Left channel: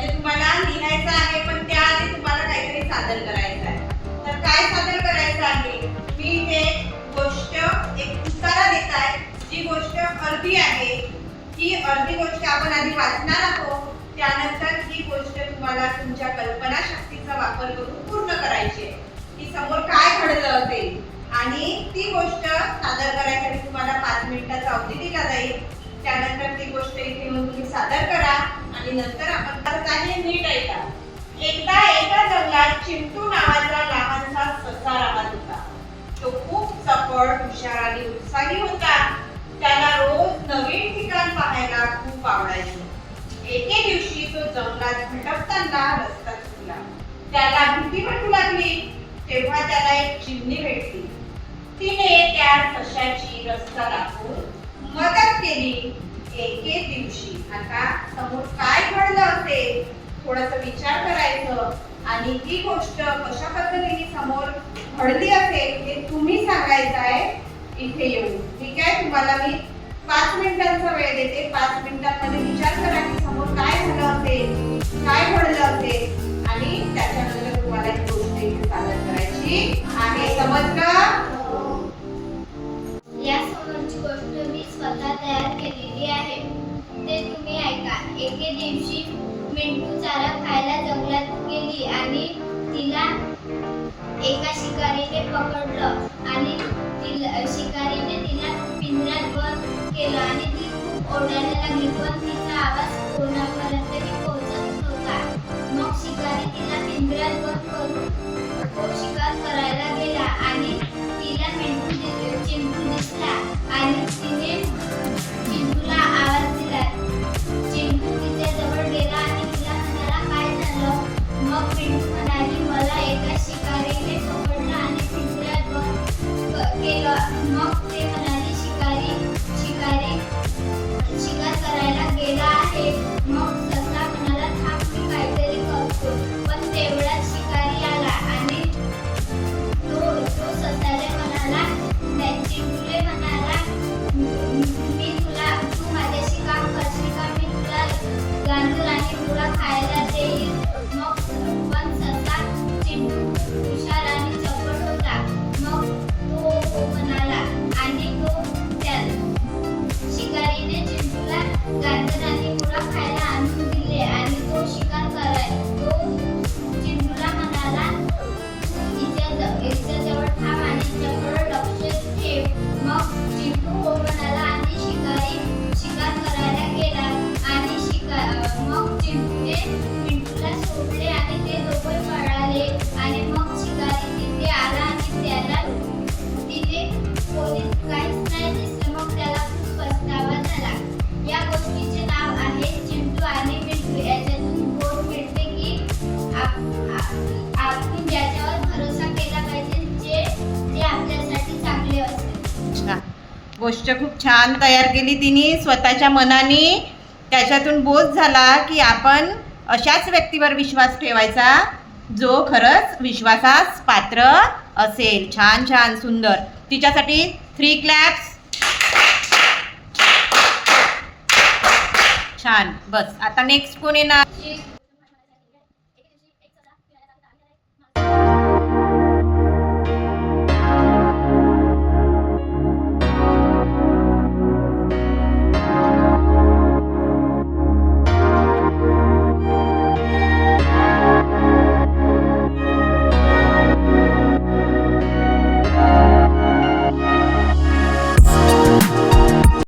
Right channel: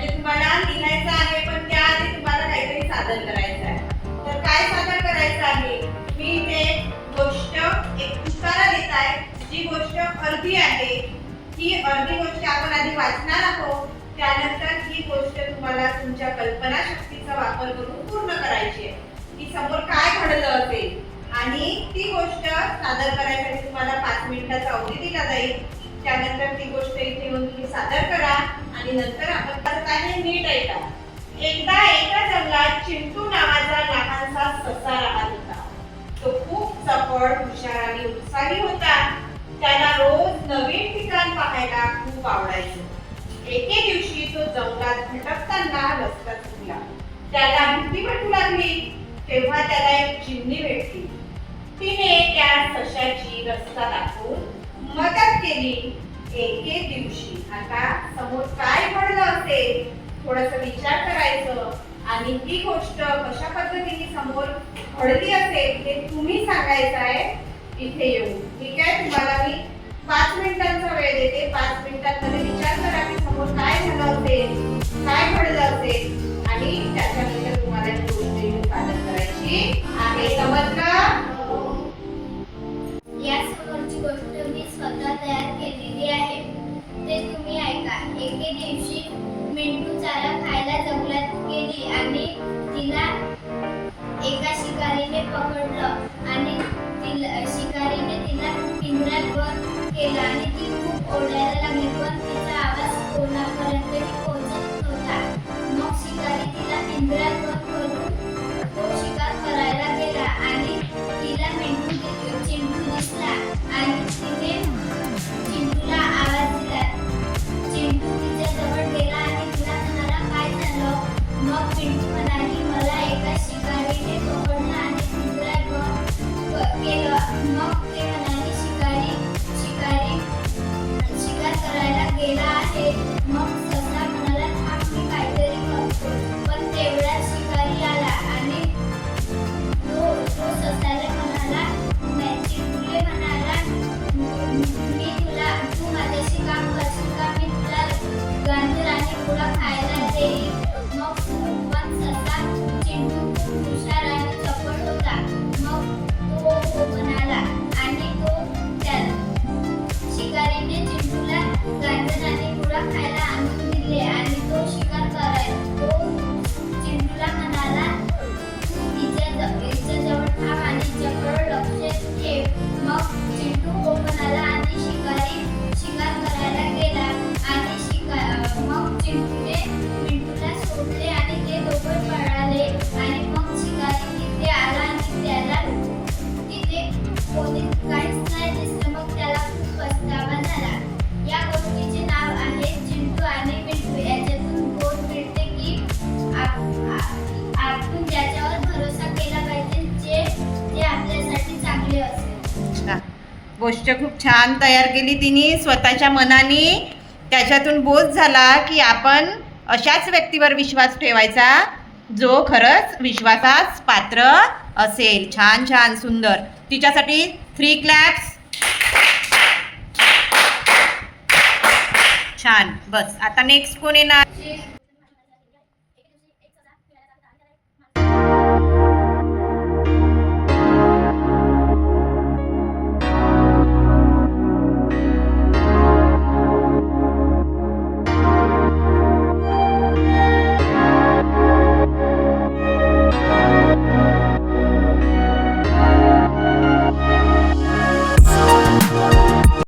म्हणजे तुम्हाला लिहायचं आहे, पण त्याआधी तुम्हाला काहीतरी सादर करायचं आहे. तर काय सादर करायचं आहे? मी इथे गोष्ट एक उतारा देत आहे. जी गोष्ट अर्धी आहे, ही अर्धी गोष्ट आपण आधी वाचणार आहोत. त्यानंतर ही गोष्ट तुम्हाला तुमच्या कल्पनाशक्तीचा वापर करून पूर्ण करायची आहे की समोर काय घडलं असेल, आणि ती गोष्ट सादर करायसाठी तुम्हाला 5 मिनिटाचा अवधी दिला जाईल. त्यानंतर ती गोष्ट इथे येऊन तुम्ही सादर करा आणि नंतर आपण करत आहे नीट ऐका. एकदा एका जंगलात चिंटू नावाचा लहानसा ससा राहत होता. तो खूप चपळ, हुशार आणि उत्साही होता. त्याला रोज नवीन ठिकाण पाहायला खूप आवडायचं. एके दिवशी तो जंगलात भटकताना रस्ता चुकला. त्याला भीती वाटू लागली. तेव्हा त्याला एक चिमणी भेटली. तिने त्या सशाची रस्ता दाखवून मदत केली. एके दिवशी आता समोर काय घडलं असेल थोडासा विचार करायचं आणि ती गोष्ट कशा पद्धतीने समोर घडली असेल ते तुम्ही सांगायचं आहे इथे येऊन. ठीक आहे, तुम्हाला मी 5 मिनिटांचा वेळ देते. 5 मिनिटांमध्ये विचार करा की समोर काय झालं असेल, काय घडलं असेल आणि त्याच्यानंतर तुम्हाला एक गोष्ट इथे सादर करायची आहे. समजलं? या समोरची गोष्ट मी स्वतः तयार केलेली आहे. ते तुम्ही ऐका. एके दिवशी मिंटू चारा खायला जंगलात गेली आणि तिला एका शिकारीने पकडलं आणि शिकारीने तिला पिंजऱ्यात बंद केलं आणि ती खूप ओरडायला लागली, पण तिचा आवाज कोणापर्यंतही पोहोचत नव्हता. मग शिकारी तिला पिंजऱ्यात बंद करून तो शिकार करायला गेला आणि तिला चिंटू दिसला आणि तिने चिंटूला आवाज दिला. चिंटू तिच्या जवळ गेला आणि तिला म्हणाला, काय झालं? मग चिंटू म्हणाली, मला एका शिकारीने पकडलं आणि पिंजऱ्यात बंद केलं. मग ते म्हणाले, शिकारी शिकार करायला गेला आहे. मग ससा म्हणाला, थांब, मी काहीतरी करतो. पण तेवढ्यात शिकारी आला आणि तो ससाला म्हणाला, चिंटूले म्हणाला, तू माझ्याशी काम करशील का? मी तुला गाजर आणि मुळा खायला देईल. मग पण ससा चिंटू खूप हुशार आणि चपळ होता. मग तो हो म्हणाला आणि शिकारीने चिंटूला गाजर आणि मुळा खायला आणून दिले आणि तो शिकार करायला. तो चिंटूला म्हणाला, तिच्या जवळ थांब आणि चपळ लक्ष ठेव. मग चिंटू हो म्हणाला आणि शिकारी शिकार करायला गेला आणि मग चिंटूने मिंटूला सोडले आणि ते दोघे पळाले. आणि मग शिकारी तिथे आला आणि त्याला तिथे कोणीच काहीच नाही दिसलं. मग त्याला खूप पछतावा झाला. या गोष्टीचे नाव आहे चिंटू आणि मिंटू. याच्यातून बोध मिळते की आपण ज्याच्यावर भरोसा केला पाहिजे, जे आपल्यासाठी चांगले असेल. गोष्ट खूप छान तयार केली तिने स्वतःच्या मनाने. त्याच्यातून बोध झाला की आपण अशाच व्यक्तीवर विश्वास ठेवायचा जो खरंच विश्वासास पात्र असेल. छान छान सुंदर. तिच्यासाठी 3 क्लॅप्स. छान. बस आता नेक्स्ट कोण येणार?